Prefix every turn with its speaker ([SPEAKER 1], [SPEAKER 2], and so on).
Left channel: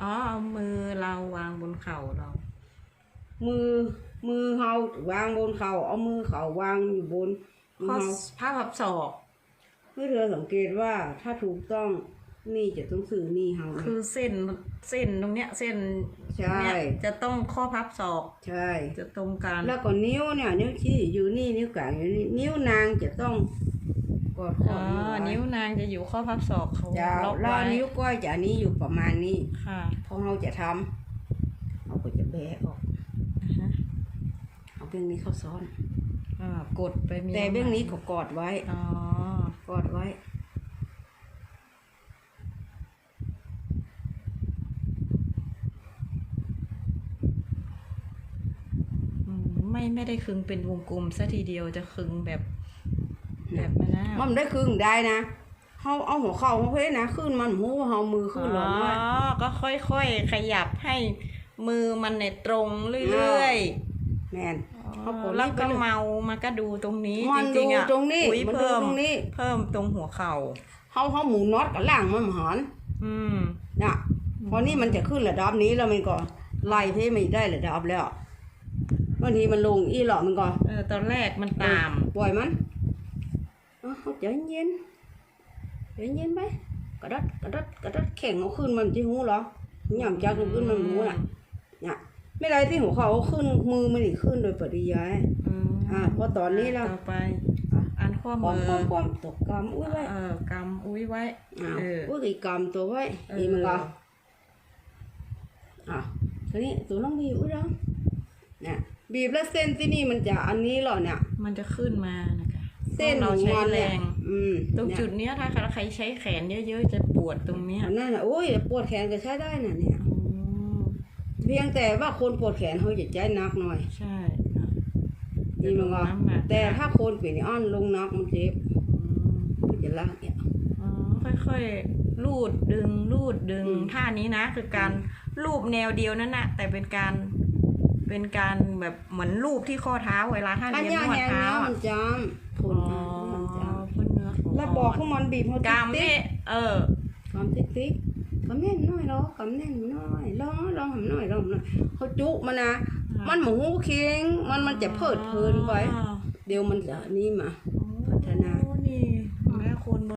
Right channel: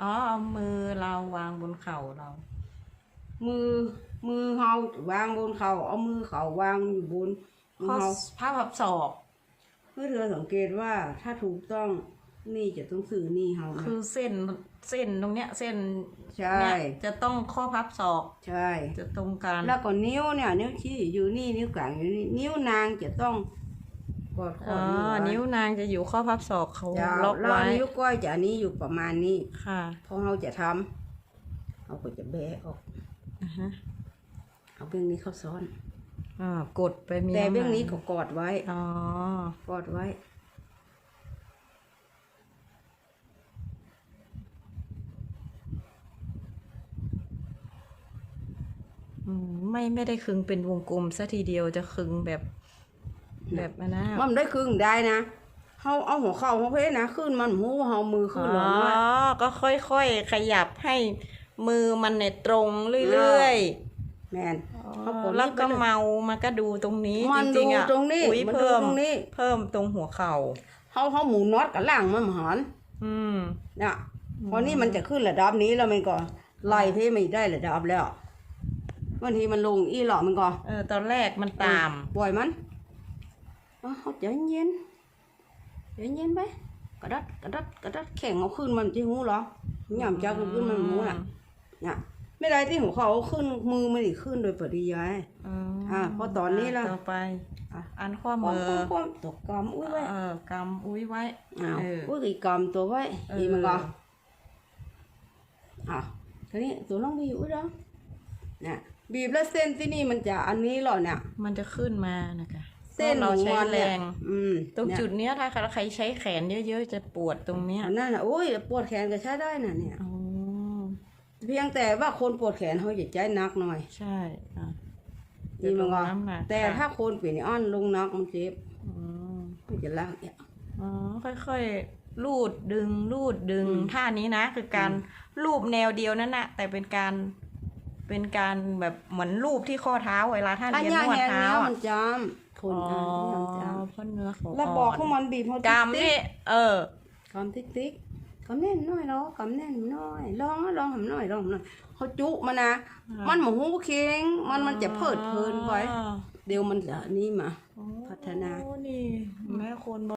[SPEAKER 1] อ๋อเอามือเราวางบนเข่าเรา
[SPEAKER 2] มือมือเฮาวางบนเขาเอามือเขาวางอยู่บนมือ
[SPEAKER 1] ข้อ
[SPEAKER 2] เฮา
[SPEAKER 1] ผ้าพับศอก
[SPEAKER 2] เมื่อเธอสังเกตว่าถ้าถูกต้องนี่จะต้องสื่อนี่เฮานะ
[SPEAKER 1] คือเส้นเส้นตรงเนี้ยเส้น
[SPEAKER 2] ใช่
[SPEAKER 1] เนี่ยจะต้องข้อพับศอก
[SPEAKER 2] ใช่
[SPEAKER 1] จะตรงกัน
[SPEAKER 2] แล้วก็นิ้วเนี่ย นิ้วชี้อยู่นี่นิ้วกลางอยู่นี่นิ้วนางจะต้อง กอดข้อ
[SPEAKER 1] อ๋อ
[SPEAKER 2] นิ้วไว้
[SPEAKER 1] นิ้วนางจะอยู่ข้อพับศอกเขา
[SPEAKER 2] จะ
[SPEAKER 1] ล็อก
[SPEAKER 2] แล้ว
[SPEAKER 1] ไว้
[SPEAKER 2] นิ้วก้อยจะอันนี้อยู่ประมาณนี้
[SPEAKER 1] ค่ะ
[SPEAKER 2] พอเราจะทำเราก็จะแบะออก
[SPEAKER 1] อือฮึ
[SPEAKER 2] เอาเบื้องนี้เข้าซ้อน
[SPEAKER 1] อ่ากดไปมี
[SPEAKER 2] แต่เบื้องนี้ก็กอดไว้
[SPEAKER 1] อ๋อ ก
[SPEAKER 2] อดไว้
[SPEAKER 1] อืมไม่ไม่ได้คึงเป็นวงกลมซะทีเดียวจะคึงแบบ แบบนั้นนะ
[SPEAKER 2] มันได้ครึ่งได้นะเขาเอาหัวเข่าเขาเพ่นะขึ้นมันหูเขามือขึ้นหลอนไว้
[SPEAKER 1] อ๋อก็ค่อยๆขยับให้มือมันเนี่ยตรงเรื่อยๆ
[SPEAKER 2] แม่นเขากด
[SPEAKER 1] แล้วก็
[SPEAKER 2] นี่ไปเลย
[SPEAKER 1] เมามาก็ดูตรงนี้
[SPEAKER 2] มัน
[SPEAKER 1] จริงๆอะ
[SPEAKER 2] ดูตรงนี้
[SPEAKER 1] อุ๊ย
[SPEAKER 2] มันดู
[SPEAKER 1] เพิ่ม
[SPEAKER 2] ตรงนี้
[SPEAKER 1] เพิ่มตรงหัวเข่า
[SPEAKER 2] เขาเขาหมูน็อตกับล่างมันหอน
[SPEAKER 1] อืม
[SPEAKER 2] น่ะพอนี่มันจะขึ้นระดับนี้แล้วมันก็ไล่ที่ไม่ได้ระดับแล้วบางทีมันลงอีหลอมันก็
[SPEAKER 1] เออตอนแรกมันตาม
[SPEAKER 2] ปล่อยมัน เอาเขาใจเย็นใจเย็นไปกระดัดกระดัดกระดัดแข่งเอาขึ้นมันที่หูเหรอหย่ำจักขึ้นมันหูน่ะเนี่ยไม่ไรที่หัวเขาเอาขึ้นมือมันอีกขึ้นโดยปริยาย
[SPEAKER 1] อืม
[SPEAKER 2] อะพอตอนนี้แล้ว
[SPEAKER 1] ต่อไป
[SPEAKER 2] อะ
[SPEAKER 1] อันข้อ
[SPEAKER 2] ป้อ
[SPEAKER 1] มื
[SPEAKER 2] ม
[SPEAKER 1] อ
[SPEAKER 2] ป้อมป้อมตกกำอุ้ยไว้
[SPEAKER 1] เออกำอุ้ยไว้
[SPEAKER 2] อ้าว
[SPEAKER 1] เออ
[SPEAKER 2] อุ้ยอีกกำตัวไว้
[SPEAKER 1] เออ
[SPEAKER 2] อีมันก็อะทีนี้ตัวน้องบีบอุ้ยแล้วเนี่ยบีบแล้วเส้นที่นี่มันจะอันนี้เหรอเนี่ย
[SPEAKER 1] มันจะขึ้นมานะคะ
[SPEAKER 2] เส้น
[SPEAKER 1] พ
[SPEAKER 2] ข
[SPEAKER 1] ราะ
[SPEAKER 2] อง
[SPEAKER 1] เรา
[SPEAKER 2] มัน
[SPEAKER 1] ใช้แร
[SPEAKER 2] เนี่ย
[SPEAKER 1] ง
[SPEAKER 2] อืม
[SPEAKER 1] ตรง
[SPEAKER 2] เนี่ย
[SPEAKER 1] จุดเนี้ยถ้าใครใช้แขนเยอะๆจะปวดตรงเนี้ย
[SPEAKER 2] อันนั้นน่ะโอ้ยปวดแขนก็ใช้ได้น่ะเนี่ย
[SPEAKER 1] อ๋อ
[SPEAKER 2] เพียงแต่ว่าคนปวดแขนเขาจะใจหนักหน่อย
[SPEAKER 1] ใช่ค่ะ
[SPEAKER 2] ดีมันก็
[SPEAKER 1] น้ำหนัก
[SPEAKER 2] แต่ถ้าคนเปลี่ยนอ้อนลงนักมันเจ็บ
[SPEAKER 1] อืม
[SPEAKER 2] มันจะลากเนี่ย
[SPEAKER 1] อ๋อค่อยๆลูดดึงลูดดึง
[SPEAKER 2] อืม
[SPEAKER 1] ท่านี้นะ คือการลูบแนวเดียวนั่นนะแต่เป็นการ เป็นการแบบเหมือนลูบที่ข้อเท้าเวลาท่าน
[SPEAKER 2] ถ้า
[SPEAKER 1] เรียน
[SPEAKER 2] ย่าน
[SPEAKER 1] วด
[SPEAKER 2] แหง
[SPEAKER 1] เท้า
[SPEAKER 2] เนี้ย
[SPEAKER 1] อะ
[SPEAKER 2] มันจำผล
[SPEAKER 1] อ๋อ
[SPEAKER 2] มันจ
[SPEAKER 1] เพื่อเนื้อของำ
[SPEAKER 2] แล้วบอกพวกมันบีบเขา
[SPEAKER 1] กาม
[SPEAKER 2] ติ๊
[SPEAKER 1] นี่
[SPEAKER 2] ก
[SPEAKER 1] เออ
[SPEAKER 2] ๆกำติ๊กติ๊กกำแน่นหน่อยเนาะกำแน่นหน่อยลองลองทำหน่อยลองทำหน่อยเขาจุมานะ
[SPEAKER 1] อ่ามั
[SPEAKER 2] มันหมูเคียงมันมันจะเพิดเพลินไป
[SPEAKER 1] อ๋อ
[SPEAKER 2] เดี๋ยวมันจะนี่มา พัฒนา
[SPEAKER 1] โอ้นี่แม่คน